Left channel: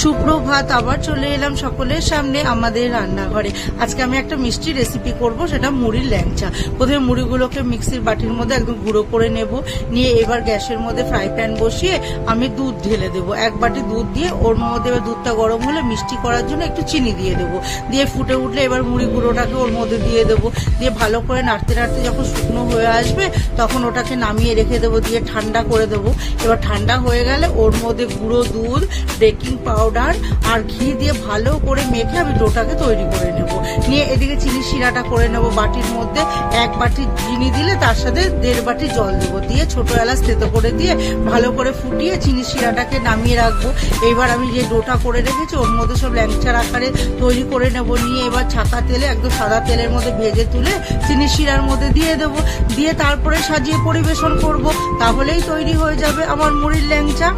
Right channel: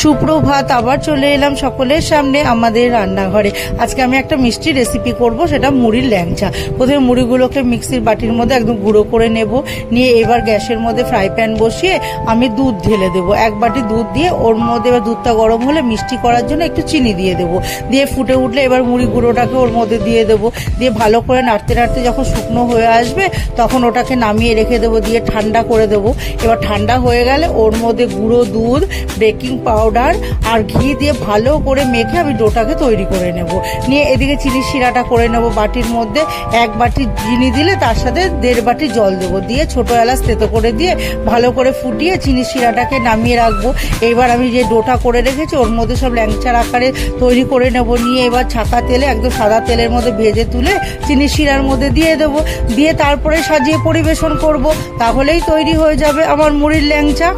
সুপ্রভাত, আবার চলে এলাম সকলের সামনে আমাদের রান্নাঘরে। আজকে আমি একটা মিষ্টি রেসিপি করব, সেটা মুড়ির ল্যাংচা। প্রথমে মুড়িগুলোকে মিক্সির বাটির মধ্যে একদম গুঁড়ো করে নেব। নিয়ে এবার গ্যাসের মধ্যে ফ্রাই প্যান বসিয়ে আমি দুধ ঢেলে দেবো। এক বাটি দুধ দিয়ে ওর মধ্যে এবার দুধটা গরম হলে মিষ্টি করার জন্য একটু চিনি দিয়ে দেবো। দিয়ে ফুটে উঠলে এবার মুড়ি গুঁড়োটাকে ওর মধ্যে দিয়ে দেবো। দিয়ে ভালো করে নাড়তে নাড়তে যখন শুকনো হয়ে আসবে তখন ওটাকে নামিয়ে রেখে দেবো, দিয়ে ঠান্ডা করে দেবো। এবার ঠান্ডা হয়ে গেলে ওর মধ্যে গুঁড়ো দুধ, বেকিং পাউডার আর ঘি দিয়ে ভালো করে মেখে আমি ডোটাকে তৈরি করে নেব। নিয়ে এদিকে চিনি শিরাটা করে নেব বাটির মধ্যে। এক বাটি চিনি দিলে তার সাথে 1.5 বাটি জল দেবো। দিয়ে ছোট এলাচ থেতো করে দিয়ে ভালো করে ফুটিয়ে চিনি শিরাটাকে নামিয়ে রাখবো। এইবার আমি যে ডোটা করে রেখেছি ওর মধ্যে সব ল্যাংচার আকারে তৈরি করে নেব। নিয়ে এবার ছাকা তেলে একদম সাদা তেলের মধ্যে ভেজে তুলে চিনি শিরার মধ্যে দিয়ে দেবো। দিয়ে তারপরে সাজিয়ে পরিবেশন করব। তাহলেই তৈরি হয়ে যাবে আমার মুড়ির ল্যাংচা।